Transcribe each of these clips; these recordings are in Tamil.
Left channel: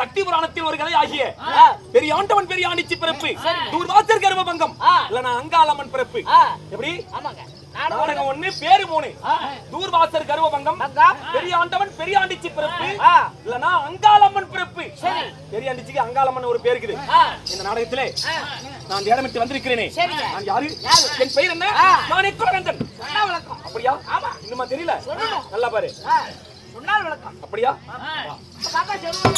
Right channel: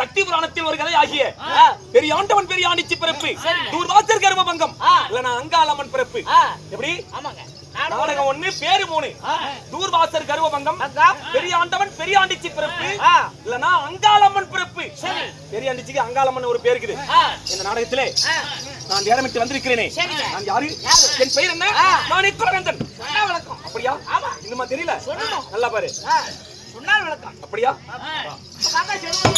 சக்தி புராணத்தில் ஒரு கதை ஆகிய பெரிய ஆண்டவன் பெரிய ஆண்டிச்சி பிறப்பு, தூர்வாசர் கர்மபங்கம், இல்லனா அங்காளம்மன் பிறப்பு. எப்படி? ஆமாங்க. நாடகம் 1 பேரு 3. தூர்வாசர் கர்வபங்கம், பெரிய ஆண்டவன் பெரிய ஆண்டிச்சி பிறப்பு, இல்லனா அங்காளம்மன் பிறப்பு. சரி. பெரிய ஆண்டிச்சிக்கு அங்காளம்மன் ஒரு பேர் இருக்குது. இந்த நாடகத்திலே நான் இடமிட்டு வந்திருக்கிறேனே. நான் யாரு? என் பெயர் என்ன? நானே குலவேந்தன். சொன்னா விளக்கம். அப்படியா? ஆமா. இன்னுமா தெரியல? சொல்லணும். நல்லா பாரு. சொன்னால் விளக்கம். அப்படியா? பாப்பா சொல்லுங்க.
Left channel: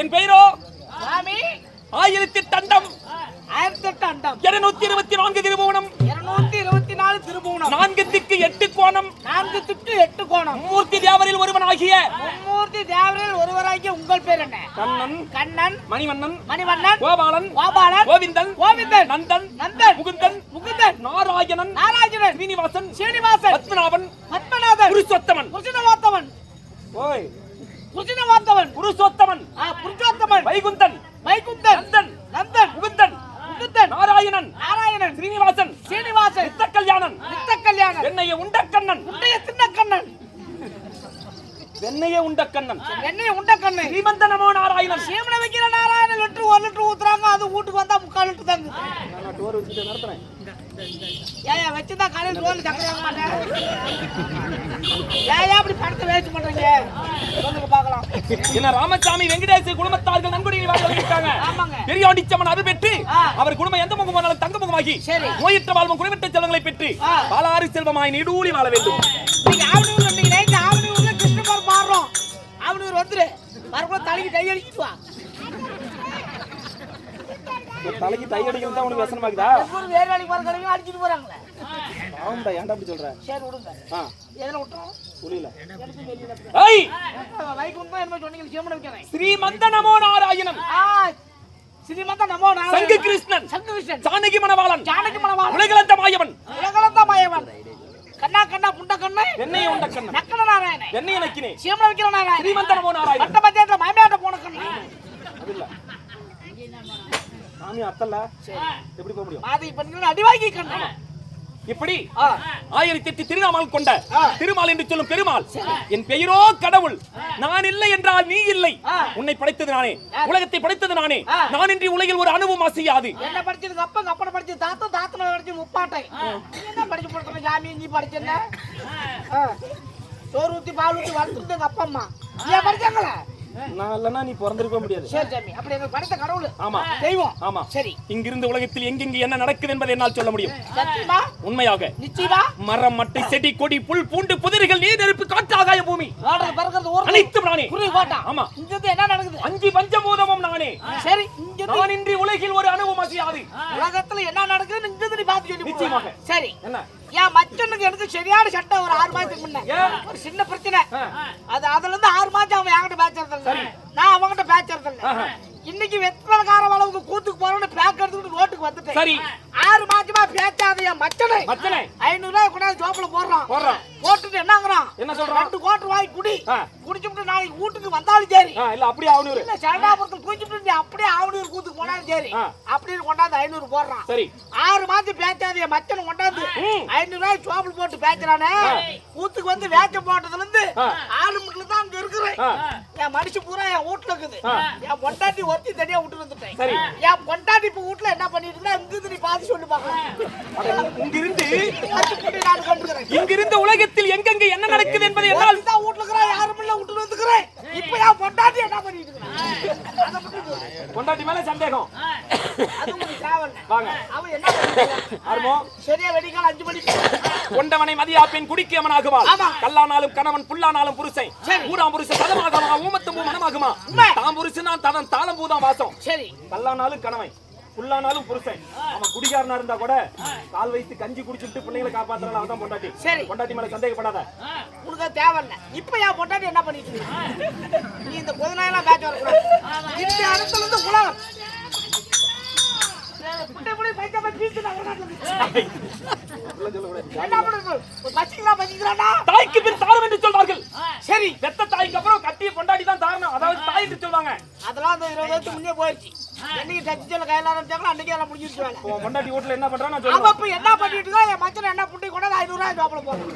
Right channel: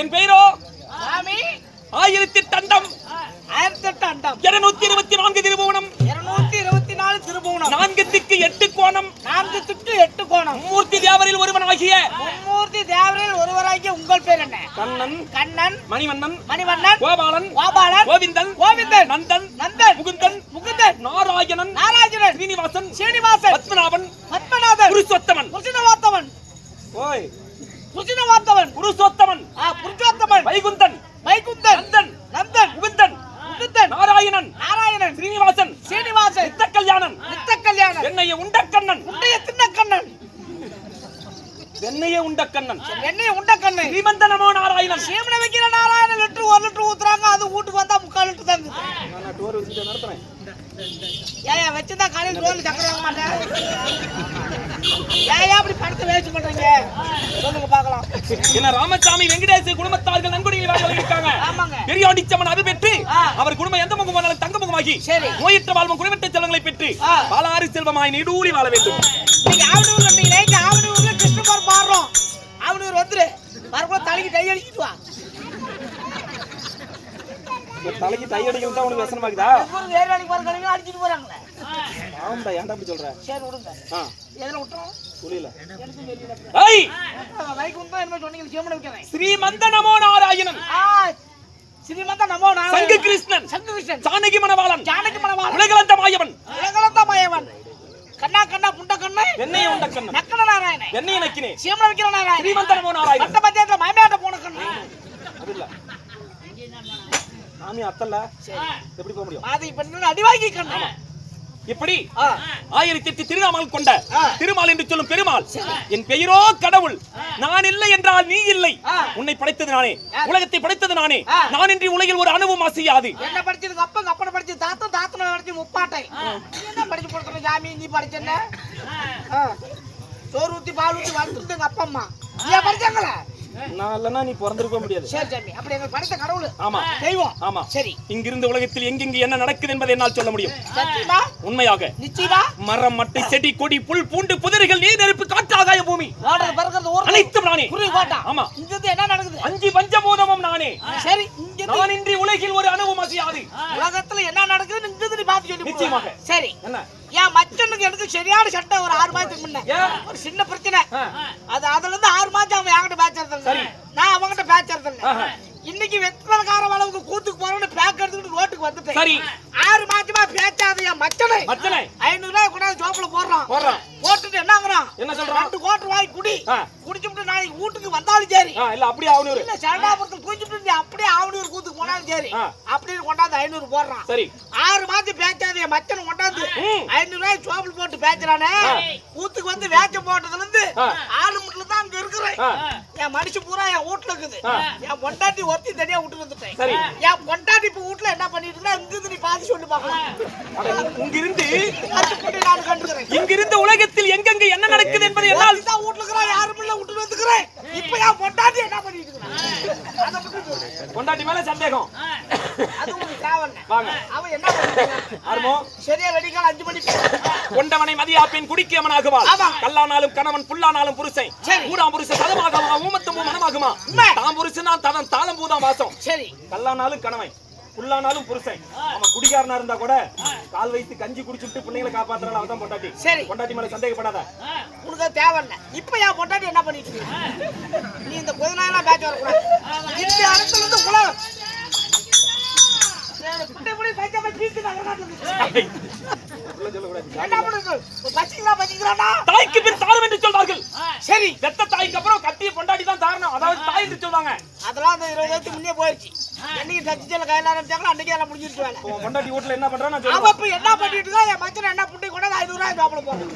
என் பெயரோ சாமி 1008 அண்டம் 1008 அண்டம் 224 திருபுவனம் 224 திருபுவனம் 4 திக்கு 8 கோணம் 4 திக்கு 8 கோணம் மூர்த்தி தேவரில் ஒருவனாகிய மூர்த்தி தேவரில் ஒருவராகிய உங்கள் பேர் என்ன? கண்ணன் கண்ணன் மணிவண்ணன் மணிவண்ணன் கோபாலன் கோபாலன் கோவிந்தன் கோவிந்தன் நந்தன் நந்தன் முகுந்தன் முகுந்தன் நாராயணன் நாராயணன் ஸ்ரீனிவாசன் ஸ்ரீனிவாசன் பத்மநாபன் பத்மநாபன் புருஷோத்தமன் புருஷோத்தமன் ஓய் புருஷோத்தமன் புருஷோத்தமன் புருஷோத்தமன் வைகுந்தன் வைகுந்தன் நந்தன் நந்தன் முகுந்தன் முகுந்தன் நாராயணன் நாராயணன் ஸ்ரீனிவாசன் ஸ்ரீனிவாசன் நித்த கல்யாணன் நித்த கல்யாணன் என்னைய உண்ட கண்ணன் உண்டைய தின்ன கண்ணன் என்னைய உண்ட கண்ணன் என்னைய உண்ட கண்ணன் ஸ்ரீமந்த நமோ நாராயணன் சீமனை வைக்கிற நாராயணன் லிட்டர் 1 லிட்டர் ஊத்துறாங்க, அது வீட்டுக்கு வந்தா 3/4 லிட்டர் தாங்க. நான் டோர் வச்சிட்டு நடத்துறேன். ஏயா வச்சிருந்தா காலையில் ரோல் சக்கரை வாங்க மாட்டேன். ஏயா அப்படி பணத்தை வேஸ்ட் பண்றீங்க? சொல்லுங்க பார்க்கலாம். என்ன ராமசாமி வெங்கடேச குடும்பத்தார்கள் நன்கொடையை வாங்கி வந்திருக்காங்க. ஆமாங்க. பெரியாண்டிச்சம்மன் அருள் பெற்று அவர் குடும்பம் எந்த முகம் போனாலும் தங்க முகமாகி நோயற்ற வாழ்வும் குறைவற்ற செல்வங்களை பெற்று பாலாறு செல்வமாய் நீடூழி வாழ வேண்டும். நீங்க ஆவணூர் வந்தீங்க, இங்க ஆவணூர்ல கிருஷ்ணபுரம் பாடுறோம். ஆவணூர் வந்துரு வரக்குள்ள தலைக்கு கை அடிக்கிட்டு வா. தலைக்கு டை அடிக்கிறது தான் உனக்கு வசனமாக்குதா? வேற வேலைக்கு வர கடையில அடிச்சிட்டு போறாங்களே. ஆமாடா, ஏன்டா அப்படி சொல்ற? சரி விடுங்க. எதுல விட்டோம்? புரியல. எனக்கு தெரியல. ஏய் மைக் உண்மை என்ன சொன்னீங்க? சீமனை வைக்கிறேன். ஸ்ரீமந்த நமோ நாராயணன் ஸ்ரீமந்த நமோ நாராயணன் சங்கு கிருஷ்ணன் சங்கு கிருஷ்ணன் ஜானகி மணவாளன் ஜானகி மணவாளன் உலகளந்த மாயவன் உலகளந்த மாயவன் கண்ணா கண்ணா புண்ட கண்ணு என்னைய உண்ட கண்ணன் நக்கன நாராயணன் என்னைய நக்கினே சீமனை வைக்கிற நாராயணன் ஸ்ரீமந்த நமோ நாராயணன் பட்ட பஞ்சாயத்துல மயமேட்ட போன கண்ணு அது இல்ல சாமி அத்தல்ல எப்படி போக முடியும்? மாதை பண்ணு அடிவாங்கி கண்ணு இப்படி 1008 திருநாமங்கள் கொண்ட திருமால் என்று சொல்லும் பெருமாள். என் பெயரோ கடவுள். நான் இல்லை என்றால் நீ இல்லை. உன்னை படைத்தது நானே, உலகத்தை படைத்தது நானே. நான் இன்றி உலகில் ஒரு அணுவும் அசையாது. என்ன படிச்சதுக்கு அப்ப அப்பட படிச்சு தாத்தா தாத்தன படிச்சு முப்பாட்டை என்ன படிச்சு போடுறது சாமி? நீ படிச்ச என்ன? சோறு ஊத்தி பால் ஊத்தி வளர்த்துட்டு அப்பா அம்மா நீ படிச்சாங்களா? நான் இல்லனா நீ பிறந்திருக்க முடியாது. சரி சாமி, அப்படி எங்க படைத்த கடவுள். ஆமா தெய்வம். ஆமா சரி, இங்கிருந்து உலகத்தில் எங்கெங்கு என்ன நடக்குது என்பதை என்னால் சொல்ல முடியும். சத்தியமா? உண்மையாக. நிச்சயமா? மரம் மட்டை செடி கொடி புல் பூண்டு புதிர்கள் நீர் நெருப்பு காற்று ஆகாய பூமி ஓடுறது பறக்கிறது ஓடுறது அனைத்தும் நானே. குருவி கோட்டா. ஆமா. இங்க என்ன நடக்குது? 5 பஞ்சபூதமும் நானே. சரி, இங்க அசைஞ்சது. நான் இன்றி உலகில் ஒரு அணுவும் அசையாது. உலகத்துல என்ன நடக்குதுன்னு இங்க நீ பாத்து சொல்லி நிச்சயமாக. சரி என்ன என் மச்சனுக்கு எனக்கு சரியான சட்டை ஒரு 6 மாசத்துக்கு முன்ன ஒரு சின்ன பிரச்சனை. அதுல இருந்து 6 மாசம் அவன் என்கிட்ட பேசுறது இல்ல, நான் அவன்கிட்ட பேசுறது இல்ல. இன்னைக்கு வெத்தலக்கார அளவுக்கு கூத்துக்கு போறோம்னு பேக் எடுத்துக்கிட்டு ரோட்டுக்கு வந்துட்டேன். சரி 6 மாசமா பேச்சாத என் மச்சனை மச்சனை 500 ரூபாய் கொண்டாந்து ஜோப்ல போடுறான். போட்டுட்டு என்னங்கறான், என்ன சொல்றான்? 2 கோட்டர் வாங்கி குடி, குடிச்சுட்டு நாளைக்கு வீட்டுக்கு வந்தாலும் சரி, இல்ல அப்படியே ஆவனூர் இல்ல சரடாபுரத்துல குடிச்சுட்டு நீ அப்படியே ஆவனூர் கூத்துக்கு போனாலும் சரி அப்படின்னு கொண்டாந்து 500 போடுறான். சரி 6 மாசம் பேச்சாத என் மச்சனை கொண்டாந்து 500 ரூபாய் ஜோப்ல போட்டு பேச்சுறானே. கூத்துக்கு வந்து வேச்ச போட்டதுல இருந்து 4 முட்ல தான் அங்க இருக்கிறேன். என் மனுஷன் பூரா என் வீட்டுல இருக்குது. என் பொண்டாட்டி ஒருத்தி தனியா விட்டு வந்துட்டேன். என் பொண்டாட்டி இப்ப வீட்டுல என்ன பண்ணிட்டு இருக்கா இங்கிருந்து நீ பாத்து சொல்லி பாக்கலாம். இங்கிருந்து நான் கண்டுக்கிறேன். இங்கிருந்து உலகத்தில் எங்கெங்க என்ன நடக்குது என்பதை என்னால் தான் வீட்டுல இருக்கிறா யாரும் இல்ல விட்டு வந்துக்கிறேன். இப்ப என் பொண்டாட்டி என்ன பண்ணிட்டு இருக்கா அதை மட்டும் சொல்லு. பொண்டாட்டி மேல சந்தேகம். அது உங்களுக்கு தேவையில்ல. வாங்க அவன் என்ன பண்ணிட்டு இருக்கான்? ஆர்மோ சரியா வெடிக்கால 5 மணிக்கு கொண்டவனை மதியா பெண் குடிக்கியவனாகுவாள். கல்லானாலும் கணவன் புல்லானாலும் புருஷன். ஊராம் புருஷ சதமாகமா ஊமத்தும் மனமாகுமா. தாம் புருஷனா ததன் தாளம் பூதான் வாசம். சரி கல்லானாலும் கணவன் புல்லானாலும் புருஷன். அவன் குடிகாரனா இருந்தா கூட கால் வைத்து கஞ்சி குடிச்சுட்டு பிள்ளைங்களை காப்பாத்துறாள். அவதான் பொண்டாட்டி. சரி பொண்டாட்டி மேல சந்தேகப்படாத. உனக்கு தேவையில்ல. இப்ப என் பொண்டாட்டி என்ன பண்ணிட்டு இருக்கா? நீ இந்த கொதினாயெல்லாம் பேச்ச வரக்கூடாது. இந்த இடத்துல இருந்து உலகம் குட்டைப்புடி பைச்சா பீச்சு நான் கொண்டாடுறது. தாய்க்கு பின் தாரம் என்று சொல்வார்கள். சரி பெத்த தாய்க்கு அப்புறம் கட்டிய பொண்டாட்டி தான் தாரணம். அதாவது தாய் என்று சொல்வாங்க. அதெல்லாம் அந்த 20 வருஷத்துக்கு முன்னே போயிடுச்சு. என்னைக்கு டச்சில கையில ஆரம்பிச்சாங்களோ அன்னைக்கு எல்லாம் முடிஞ்சிருச்சு வேலை. பொண்டாட்டி வீட்டுல என்ன பண்றான் நான் சொல்றேன். அப்ப என்ன பண்ணிட்டு இருக்கா? என் மச்சனை என்ன புண்டி கொண்டாந்து 500 ரூபாய் ஜாப்ல போடுறான்.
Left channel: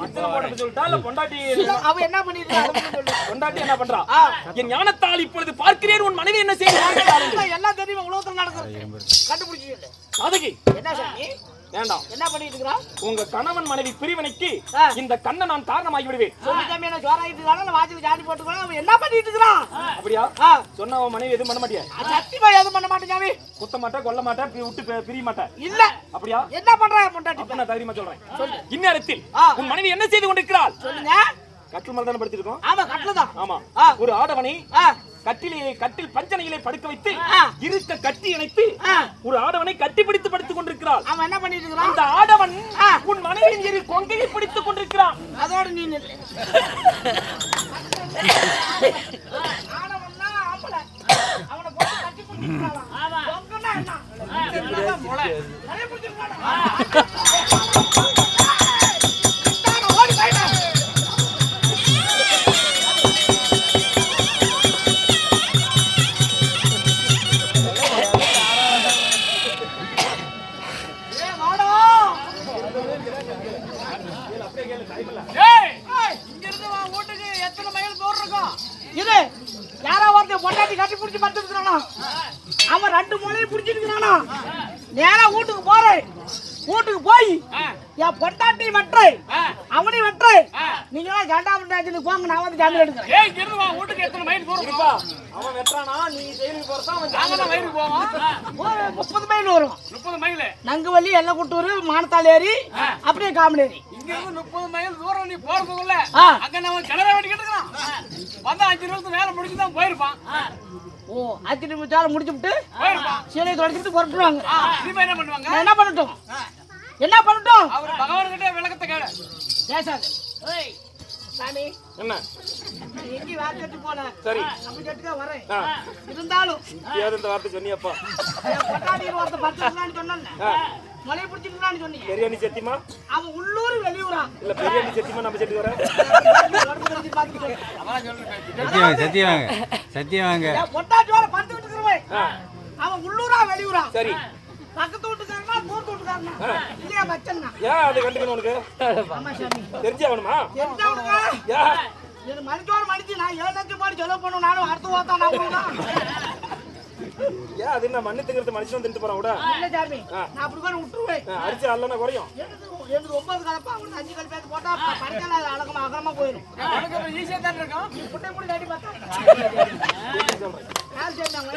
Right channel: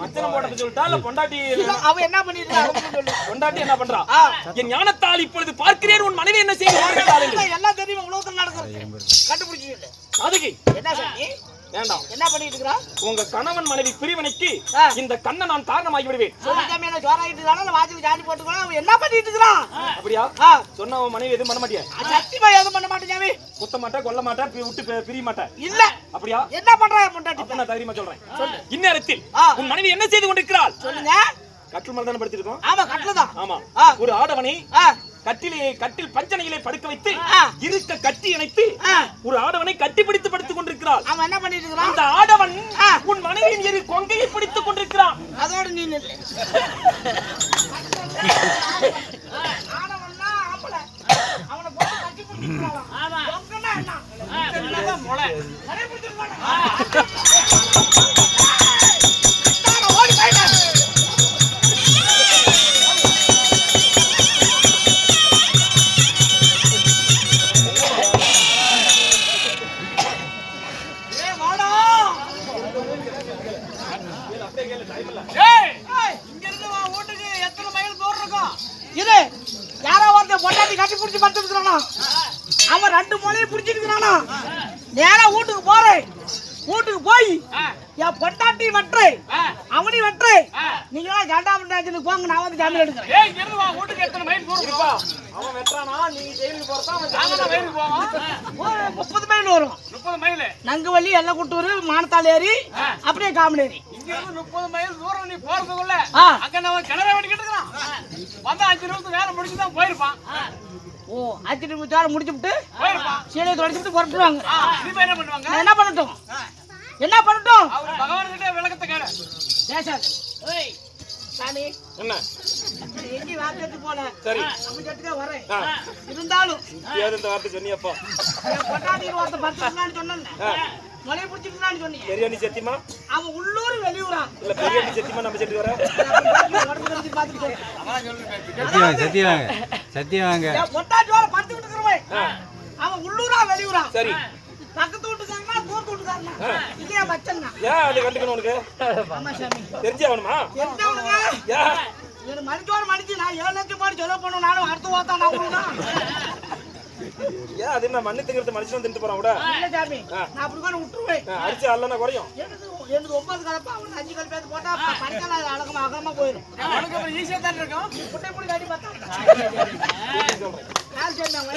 மச்சனை போட்டது சொல்லிட்டா இல்ல பொண்டாட்டி அவ என்ன பண்ணிட்டு இருக்கா சொல்லு. பொண்டாட்டி என்ன பண்றா? என் ஞானத்தால் இப்பொழுது பார்க்கிறேன் உன் மனைவி என்ன செய்து வாழ்கிறாள். எல்லாம் தெரியும் உலகத்துல நடக்குது. கண்டுபிடிச்சு சொல்லு. அதுக்கு என்ன சாமி வேண்டாம். என்ன பண்ணிட்டு இருக்கா? உங்க கணவன் மனைவி பிரிவினைக்கு இந்த கண்ணை நான் காரணமாகி விடுவேன். சொல்லிட்டாமே என்ன ஜோராயிட்டு இருக்கானே வாஜி ஜாடி போட்டுக்கோ. அவன் என்ன பண்ணிட்டு இருக்கான்? அப்படியா? சொன்ன அவன் மனைவி எதுவும் பண்ண மாட்டியா? சத்தியமா எதுவும் பண்ண மாட்டேன் சாமி. குத்த மாட்டேன் கொல்ல மாட்டேன் விட்டு பிரிய மாட்டேன். இல்ல அப்படியா? என்ன பண்றா பொண்டாட்டி? அப்ப நான் தைரியமா சொல்றேன். இந்நேரத்தில் உன் மனைவி என்ன செய்து கொண்டிருக்கிறாள்? சொல்லுங்க. கட்டில் மேல தானே படுத்திருக்கோம். ஆமா கட்டில் தான். ஆமா ஒரு ஆடவனை கட்டில் பஞ்சனையிலே படுக்க வைத்து இருக்க கட்டி இணைத்து ஒரு ஆடவனை கட்டி பிடித்து படுத்துக் கொண்டிருக்கிறாள். அவன் என்ன பண்ணிட்டு இருக்கான்? அந்த ஆடவன் உன் மனைவியின் இரு கொங்கையை பிடித்துக் கொண்டிருக்கிறான். அதோட நீ ஆடவன்னா ஆம்பளை அவனை போட்டு கட்டி பிடிச்சிருக்கான். ஆமா கொங்கனா என்ன மொளை மொளை பிடிச்சிருக்கான். ஓடி போயிடு. அவன் 2 மூலையும் புடிச்சிருக்கானா? நேரா வீட்டுக்கு போறேன். வீட்டுக்கு போய் என் பொண்டாட்டி வெட்டை அவனையும் வெட்டை. நீங்க ஜாண்டாமண்டாச்சு போங்க, நான் வந்து ஜாமீன் எடுக்கிறேன். 30 மைல் வரும். நங்குவள்ளி எல்லக்குட்டூர் மானத்தாள் ஏறி அப்படியே காமனேரி. 30 மைல் தூரம் நீ போறதுக்குள்ள அங்க நம்ம கிணறு வெட்டிக்கிட்டு இருக்கான். வந்து 5 நிமிஷம் வேலை முடிச்சு தான் போயிருப்பான். ஓ 5 நிமிஷம் வேலை முடிச்சுட்டு சீலையை தொடச்சிட்டு புறப்படுவாங்க. என்ன பண்ணுவாங்க? நான் என்ன பண்ணட்டும்? என்ன பண்ணட்டும்? அவர் பகவான் கிட்ட விளக்கத்தை கேளு. பேசாத. ஓய் சாமி என்ன எங்கி வார்த்தை போனேன். சரி அப்ப ஜெட்டுக்கா வரேன். இருந்தாலும் ஏதோ இந்த வார்த்தை சொன்னியப்பா. என் பொண்டாட்டி ஒருத்த படுத்துக்கலான்னு சொன்னேன். மலையை பிடிச்சிக்கலான்னு சொன்னீங்க. பெரியாணி சத்தியமா? அவன் உள்ளூர் வெளியூரா? இல்ல பெரியாணி சத்தியமா நம்ம செட்டு வர உடம்பு கடிச்சு பார்த்துட்டு சொல்றேன். சத்தியவாங்க என் பொண்டாட்டியோட படுத்துக்கிட்டு இருக்கிறவன் அவன் உள்ளூரா வெளியூரா? சரி பக்கத்து வீட்டுக்காரனா தூரத்து வீட்டுக்காரனா? இல்லையா மச்சன்னா? ஏன் அது கண்டுக்கணும் உனக்கு? ஆமா சாமி தெரிஞ்சே ஆகணுமா? தெரிஞ்சவனுங்க எனக்கு மணிச்சோட மணிச்சு நான் 7 லட்சம் போட்டு செலவு பண்ணுவேன். நானும் அடுத்த ஓத்தா நான் கொடுனா ஏன் அது என்ன மண்ணு திங்கிறது மனுஷன் தின்ட்டு போறான் கூட? இல்ல சாமி நான் அப்படி கூட விட்டுருவேன். அடிச்சு அல்லனா குறையும். எனக்கு 9 கலப்பா அவனுக்கு 5 கலப்பேத்து போட்டா பறிக்கல அழகமா அகலமா போயிடும். அவனுக்கு அப்புறம் ஈஸியா தான் இருக்கும். நீ புட்டை முடி கட்டி பார்த்தா யார் சொன்னாங்க?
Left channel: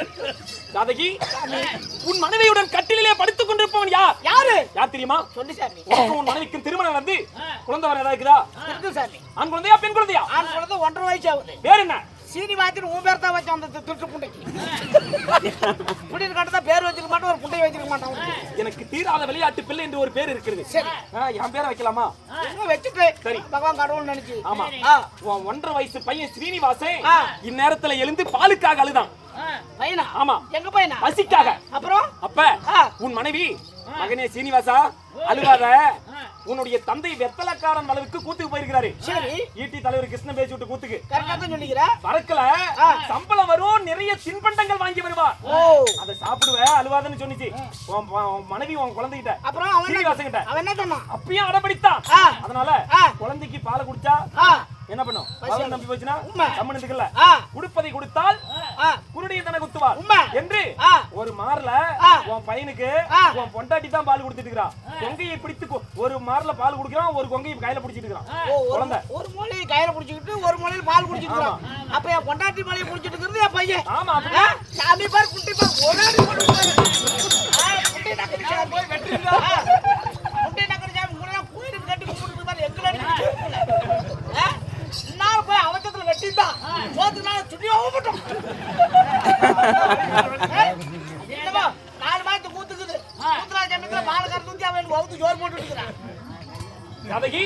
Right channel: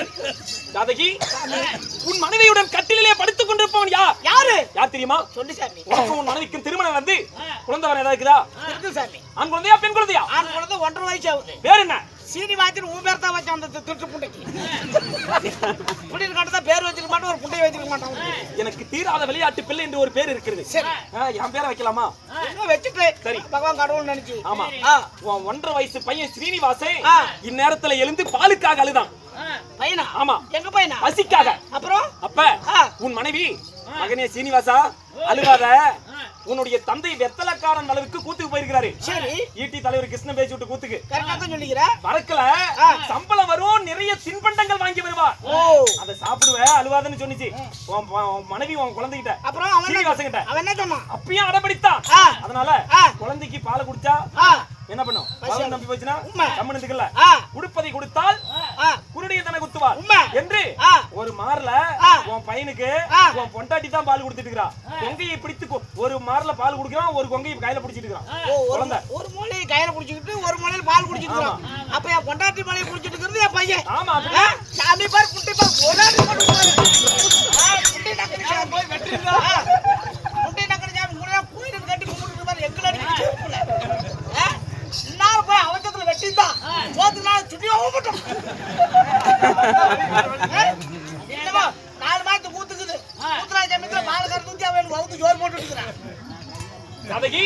ஜாதகி உன் மனைவியுடன் கட்டிலே படுத்துக் கொண்டிருப்பவன் யார்? யார் தெரியுமா? சொல்லு சாமி. உனக்கு உன் மனைவிக்கு திருமணம் நடந்து குழந்தை வர ஏதாவது இருக்குதா? இருக்கு சாமி. ஆண் குழந்தையா பெண் குழந்தையா? ஆண் குழந்தை 1.5 வயசு ஆகுது. பேர் என்ன? சீனிவாசன் உன் பேர் தான் வச்சான் அந்த திருட்டு புண்டைக்கு. புண்டைக்கு கட்டதான் பேர் வச்சிருக்க மாட்டான், ஒரு புண்டையை வச்சிருக்க மாட்டான். எனக்கு தீராத விளையாட்டு பிள்ளை என்று ஒரு பேர் இருக்கிறது. சரி. என் பேரை வைக்கலாமா? வச்சுட்டு சரி. பகவான் கடவுள் நினைச்சு. ஆமா. ஆ. உன் 1.5 வயசு பையன் ஸ்ரீனிவாசன் ஆ. இந்நேரத்துல எழுந்து பாலுக்காக அழுதான். பையனா? ஆமா. எங்க பையனா? பசிக்காக. அப்புறம் அப்ப ஆ. உன் மனைவி மகனே சீனிவாசா அழுவாத, உன்னுடைய தந்தை வெத்தலக்காரன் அளவுக்கு கூத்துக்கு போயிருக்கிறாரு. சரி. ஈட்டி தலைவர் கிருஷ்ணன் பேசி விட்டு கூத்துக்கு கரெக்டா தான் சொல்லிக்கிற. வரக்கல சம்பளம் வரும், நிறைய தின்பண்டங்கள் வாங்கி வருவா. ஓ, அத சாப்பிடுவ அழுவாதன்னு சொன்னிச்சு உன் மனைவி உன் குழந்தைகிட்ட. அப்புறம் சீனிவாசன் கிட்ட அவன் என்ன சொன்னான்? அப்பயும் அடம்பிடித்தான். ஆ. அதனால ஆ. குழந்தைக்கு பால் குடிச்சா ஆ. என்ன பண்ணும்? பால் நம்பி போச்சுன்னா உண்மை. கம்மனுக்குள்ள ஆ. குடுப்பதை கொடுத்தால் ஆ. குருடைய தன குத்துவார் உண்மை. என்று ஆ. ஒரு மார்ல ஆ. உன் பையனுக்கு ஆ. உன் பொண்டாட்டி தான் பால் கொடுத்துட்டு இருக்கா. கொங்கையை பிடித்து ஒரு மார்ல பால் குடிக்கிறான், ஒரு கொங்கையை கையில பிடிச்சிட்டு இருக்கான். ஓ, குழந்தை ஒரு மூலையை கையில புடிச்சிட்டு ஒரு மூலையில பால் குடிச்சிட்டு. அப்ப என் பொண்டாட்டி மலையை குடிச்சிட்டு இருக்கிறது என் பையன். ஆமா. ஆ? சாமி பாரு, குட்டி பாரு, ஒரு அடி போட்டு பாரு. குட்டி நக்கடி சாமி போய் வெட்டிருந்தா. குட்டி நக்கடி சாமி முறையா கோயிலுக்கு கட்டி கும்பிட்டு பாரு, எங்களை இன்னால போய் அவசரத்துல வெட்டிருந்தான். சோத்துக்கு நாள் சுட்டியாவும் போட்டோம். 4 மாசத்து கூத்துக்குது. கூத்துறா சமயத்துல பாலக்கார தூக்கி அவன் வகுத்து ஜோர் போட்டு இருக்கிறான். கதகி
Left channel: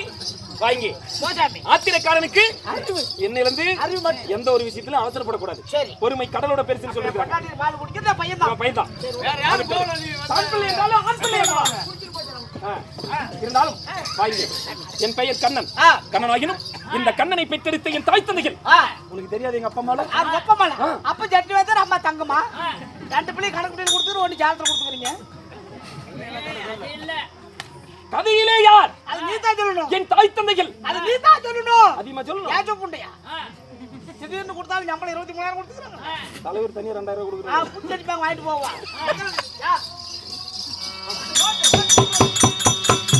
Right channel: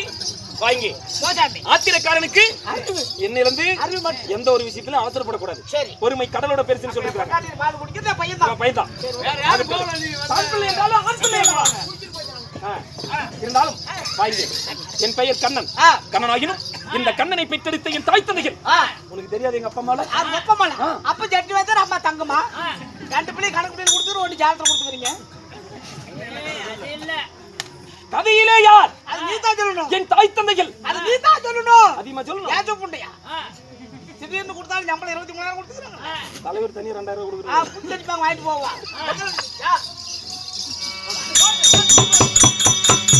வாங்கி போசாமி ஆத்திரக்காரனுக்கு அறிவு. என்னிலிருந்து அறிவு மட்டும். எந்த ஒரு விஷயத்திலும் அவசரப்படக்கூடாது. சரி. பொறுமை கடலோட பெருசுன்னு சொல்லிருக்காங்க. பொண்டாட்டி பால் குடிக்கிறது என் பையன் தான். பையன் தான். வேற யாரு போகல நீ ஆண் பிள்ளை என்றாலும் ஆண் பிள்ளை அல்லவா? இருந்தாலும் வாங்கி என் பெயர் கண்ணன். கண்ணனாகினும் இந்த கண்ணனை பெற்றெடுத்த என் தாய் தந்தைகள் உனக்கு தெரியாது. எங்க அப்பா அம்மால அது எப்பமால? அப்ப ஜட்டி வைத்தார், அம்மா தங்கம்மா. 2 பிள்ளை கணக்கு பிள்ளை கொடுத்துரு, 1 ஜாலத்துல கொடுத்துக்கிறீங்க. கதையிலே யார்? அது நீ தான் சொல்லணும். என் தாய் தந்தைகள். அது நீ தான் சொல்லணும். அதிகமா சொல்லணும். ஏதோ புண்டையா? திடீர்னு கொடுத்தாலும் நம்மள 23,000 கொடுத்துக்கிறாங்க. தலைவர் தனி 2,000 கொடுக்குறாங்க. புண்டை வாங்கிட்டு போவா.